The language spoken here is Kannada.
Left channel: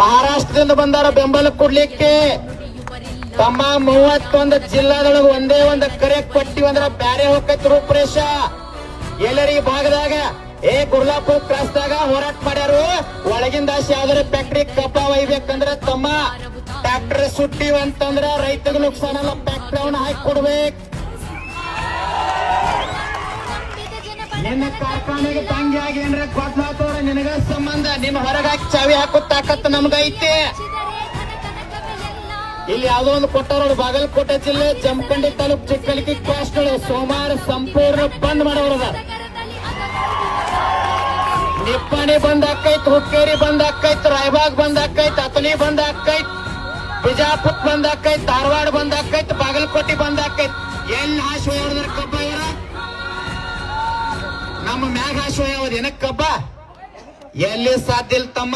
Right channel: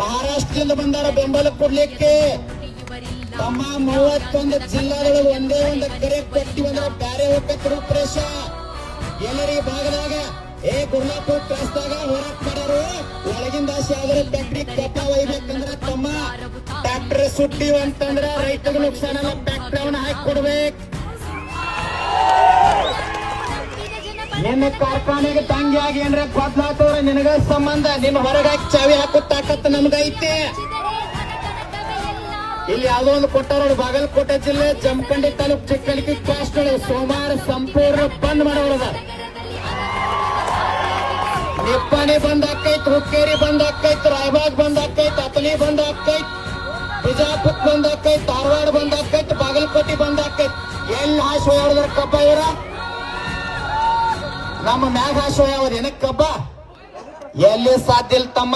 ಮಹಾರಾಷ್ಟ್ರದಿಂದ ಬಂದಾರ ಬೆಂಬಲ ಕೊಡ್ಲಿಕ್ಕೆ. ತಮ್ಮ 31 ಜಿಲ್ಲಾದೊಳಗೆ ಒಂದೇ ಒಂದು ಕರೆ ಕೊಟ್ಟಿವಂದ್ರ ಬ್ಯಾರೆ ಹೋಗೈತಿ ರೂಪರೇಷ. ಎಲ್ಲರಿಗೆ ಭಾಗದಾಗ ಗುರ್ಲಾಪುರ ಕ್ರಾಸ್ದಾಗ ಹೋರಾಟ ಮಾಡ್ಯಾರು. ಒಳಗಿಂದ ಯಾವ್ದಾರ ಫ್ಯಾಕ್ಟ್ರಿ ಕಬ್ಬ ಒಯ್ಬೇಕಂದ್ರ ತಮ್ಮ ಫ್ಯಾಕ್ಟ್ರಿ ಸುಟ್ಟಿವಂತಂದ್ರ ರೈತಗ ನುಕ್ಸಾನಲ್ಲ, ಫ್ಯಾಕ್ಟ್ರಿ ಅವನ್ನ ಹಾಕಿ ಕೊಡ್ಬೇಕು. ನಿನ್ನ ಕಾರ್ಖಾನೆಗೆ ತಂಗಿಯಾಗಿ ಏನ್ರ ಬದ್ಲಾತವ್ರ ನಿನಗ ಸಂಬಂಧ. ನಿನ್ನ ಹೊರದಾಕಿ ಚಾವಿ ಹಾಕೋ ತಾಕತ್ ನಮ್ಗೈತೆ. ಇಲ್ಲಿ ಯಾವ್ದೋ ಒಂದು ಕೊಟ್ಟವ್ರು ಬಾಗಲಕೋಟೆ ಜಿಲ್ಲೆ ಜಮಖಂಡಿ ತಾಲೂಕ್ ಚಿಕ್ಕಲಿಕಿ ಕ್ರಾಸ್ ಸೋಮವಾರ ಸಂಪೂರ್ಣ ಬಂದ್ ಮಾಡೋರದ. ನಿಪ್ಪಾಣಿ ಬಂದ್ ಆಕೈತ್, ಹುಕ್ಕೇರಿ ಬಂದ್ ಆಕೈತ್, ರಾಯಬಾಗ್ ಬಂದ್ ಆಕೈತ್, ಅತನಿ ಬಂದ್ ಆಕೈತ್, ಬಿಜಾಪುರ್ ಬಂದ್ ಆಕೈತ್, ಧಾರವಾಡ ಬಂದ್ ಆಕೈತ್, ಬಾಗಲಕೋಟೆ ಬಂದ್ ಆಕೈತ್. ಎಲ್ಲಿ ಹಾಶ್ ಹೋಯ್ದ್ರ ಕಬ್ಬ ಇವರ ನಮ್ಮ ಮ್ಯಾಗ ಹಾಶ್ ಹೋಯ್ಯವ್ರ ಏನಕ್ ಕಬ್ಬ ಎಲ್ಲಿ ಸಾಧ್ಯ ಇಲ್ಲ ತಮ್ಮ.